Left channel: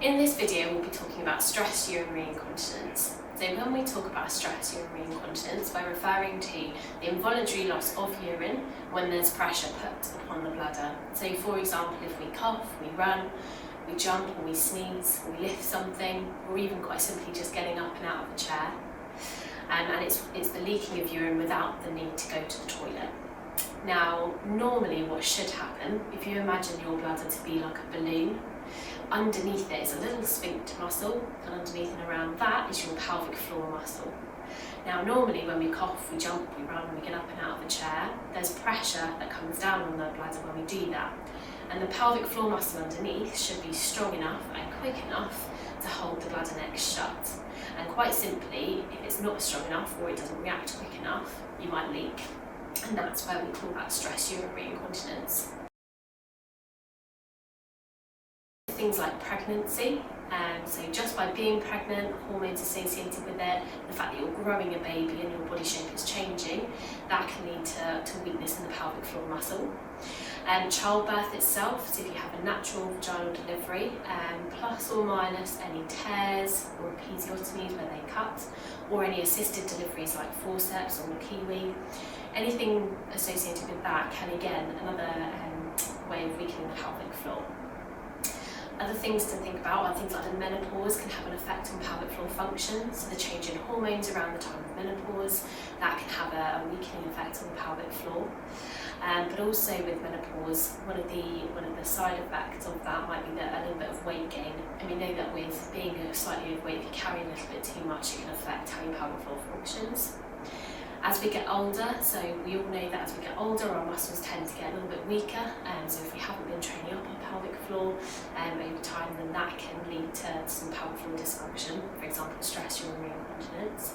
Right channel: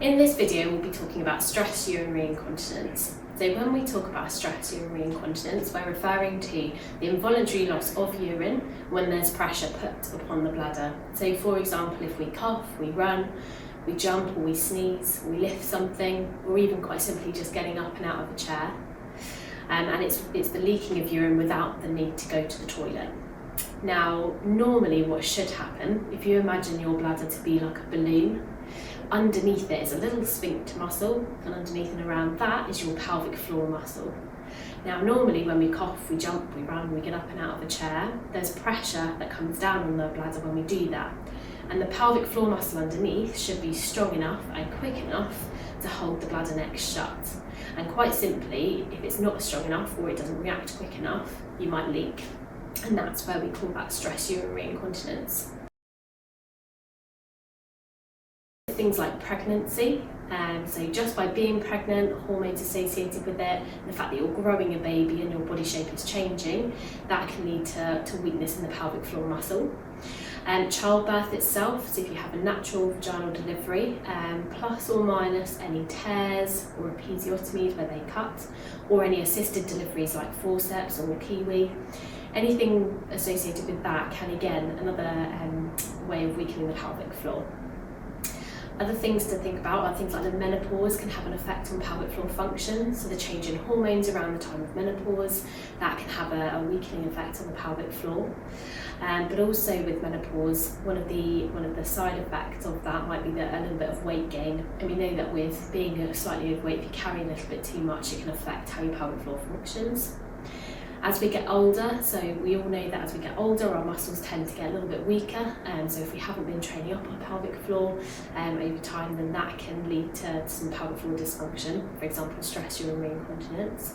In this video, we'll be talking about stress urinary incontinence. So when we talk about stress urinary incontinence, we're referring to the involuntary loss of urine when there's pressure put upon the bladder. So for example, if we cough, we run, we jump or we sneeze, or we lift something, or even quite simply just getting up and out of a chair. And it's the leaking of urine without the need to go to the toilet. Now, normally what should happen, if you imagine your bladder to be like a balloon, underneath it is a little sphincter muscle, and underneath and around that is your pelvic floor muscle. Now, normally when we cough, we jump, we run, we get up and out of a chair, there's pressure that comes down on the bladder when we do that. And the pelvic floor muscle underneath should be strong enough and quick enough to hold the bladder neck shut. And quite simply, if it's not strong enough or it doesn't react quick enough, you might leak. And that's where we call that stress urinary incontinence. Things like pregnancy, so just by being pregnant, hormones associated with it, and the fact that you're growing a baby and your body shape is changing, that can lead to weakness in the pelvic floor muscle. Childbirth itself, so if you have a natural vaginal delivery, plus or minus any tears or episiotomies where they cut, or any assisted deliveries like forceps or a kiwi, anything associated with that can again another way of weakening the pelvic floor. Other things to think about are things like the menopause can have an effect on pelvic floor function, so the change in hormones around the time of menopause, that can have a weakening effect on the pelvic floor. But also with menopause, one of the side effects of that might be a little bit of weight gain. And we know that with being slightly overweight, if you carry a little bit too much, it can affect how your pelvic floor functions. As we get older, so we all know that as we get older, our muscles tend to get a little bit weaker. So if we haven't been training up our pelvic floor over time, then that can lead to some pelvic floor dysfunction, for example, stress urinary incontinence.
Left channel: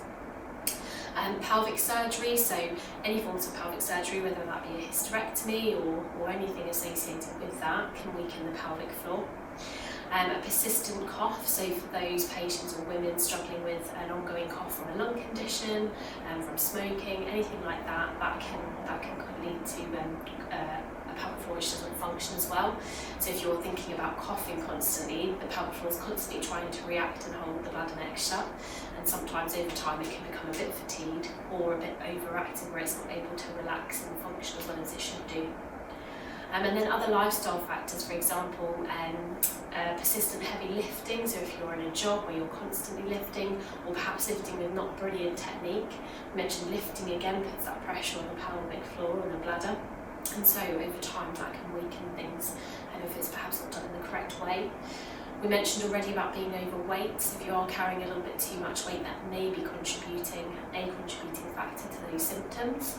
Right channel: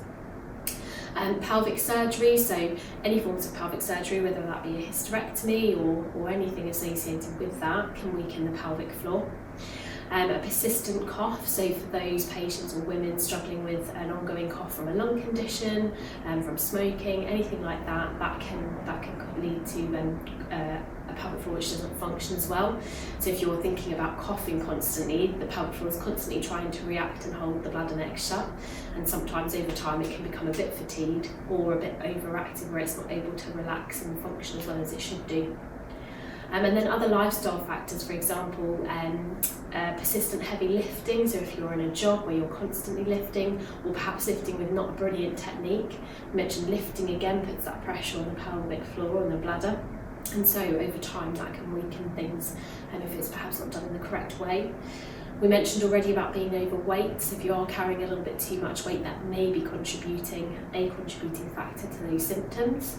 Pelvic surgery, so any forms of pelvic surgery, whether that be a hysterectomy or anything associated with that, can weaken the pelvic floor. A persistent cough, so for those patients or women struggling with an ongoing cough from a lung condition, from smoking, anything like that, that can lead to a pelvic floor which doesn't function as well. So if you're thinking about coughing constantly, the pelvic floor is constantly trying to react and hold the bladder neck shut, and sometimes over time it can become a bit fatigued or a bit overactive where it's not able to relax and function as well as it should do. And then other lifestyle factors, for example, persistent heavy lifting, so if you're in a job where you're constantly lifting, or perhaps lifting with not brilliant technique. I mentioned lifting again puts that pressure on the pelvic floor and the bladder, and so over time that can weaken things, and if it's perhaps not done in the correct way. We mentioned already about being overweight, so if you are carrying a little bit too much weight, that may be a contributing factor to those symptoms.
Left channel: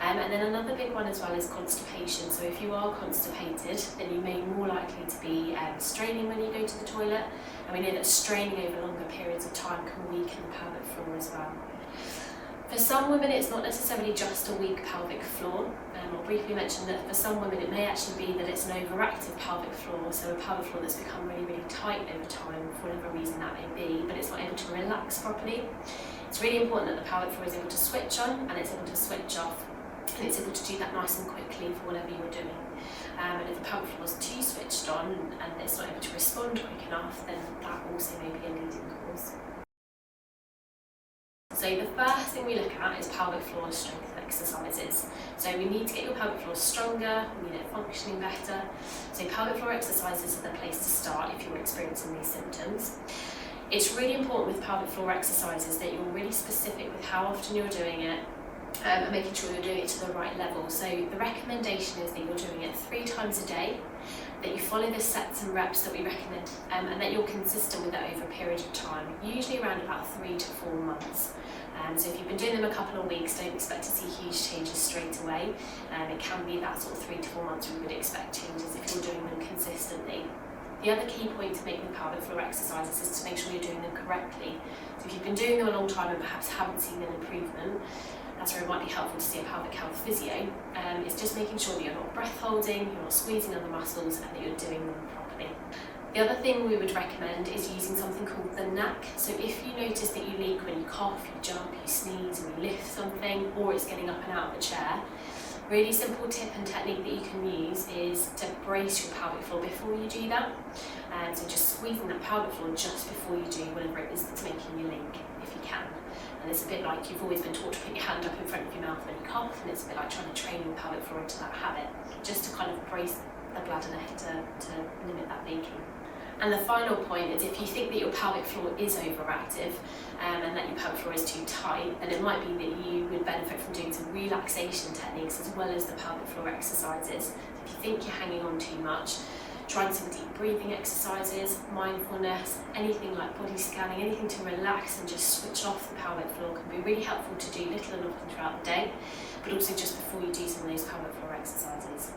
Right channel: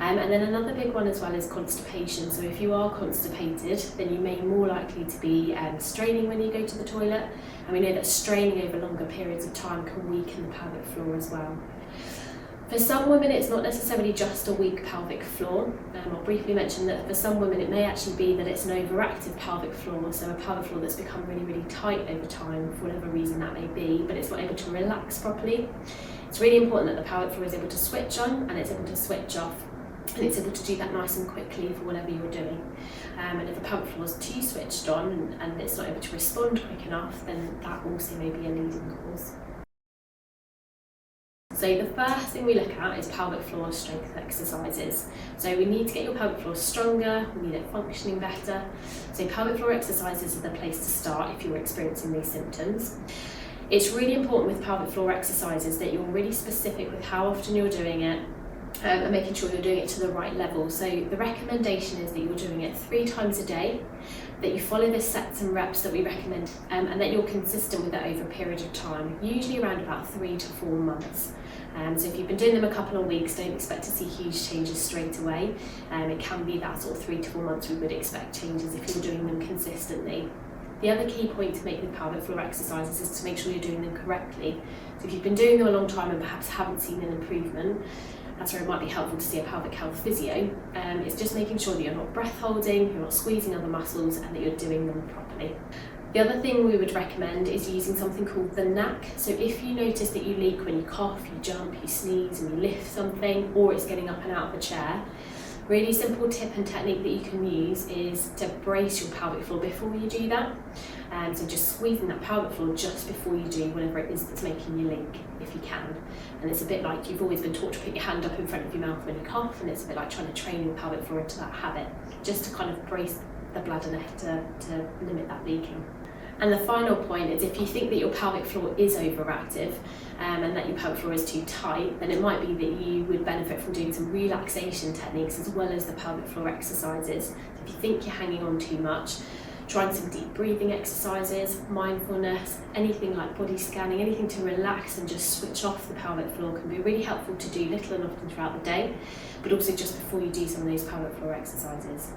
And then another big one as well is constipation. So if you are constipated, then you may be more likely to be straining when you go to the toilet. And we know that straining over longer periods of time can weaken the pelvic floor as well. For some women, it's not necessarily just a weak pelvic floor. I'll briefly mention that for some women, it may actually be that it's an overactive pelvic floor, so a pelvic floor that's become really, really tight over time, for whatever reason that may be, but it's not able to relax properly. It's really important that the pelvic floor is able to switch on and it's able to switch off, and it's able to do that nice and quickly for whatever you're doing. And if the pelvic floor is too switched on and it's not able to respond quick enough, then that also may be a leading cause. So the first thing we look at is pelvic floor strength exercises. So we need to get your pelvic floor stronger, we need it functioning better. So pelvic floor exercises are the place to start if you're experiencing these symptoms. It's really important with pelvic floor exercises that you're really specific with how often you're doing it, and making sure you're doing it to the right level. So the recommendation is that you're doing it 3 times a day, that you follow the sets and reps that we recommend, and that you're consistent with that over a period of time, usually around about 3 to 4 months. So if you've been doing them a couple of weeks, don't expect to see huge changes straight away. It can be that sort of 3 to 4 months we would expect changes if you're doing them consistently. The other key point to make with pelvic floor exercises is to make sure you're doing them correctly. So if you've been doing them a long time and perhaps haven't seen an improvement, that's where it might be helpful to see a pelvic health physio. It's just making sure that you're not breath holding, you're not squeezing other muscles, and that you're doing them properly. The other thing we would recommend is using something called the knack. So if you notice that you leak when you cough, you jump, you sneeze, and you lift something, or it's getting up and out of a chair, Really simple tip and technique that you can use is to brace your pelvic floor before you do that. So just squeezing that pelvic floor just before you do whatever it is that's making you leak, if you can. And it's a bit like you've always been taught to put your hand up in front of your mouth when you cough, and it's a bit like trying to train your pelvic floor into that habit, just to kind of brace the bladder neck to limit that leaking. And the final point is, if you think that your pelvic floor is overactive and that your pelvic floor is too tight, then it might be that you would benefit from doing some relaxation techniques as well as the pelvic floor exercises. If you think you're hanging on too much, trying some deep breathing exercises, mindfulness, anything like body scanning, anything to relax and just switch off the pelvic floor can be really helpful to do little and often throughout the day, but also just before you do some of those pelvic floor exercises.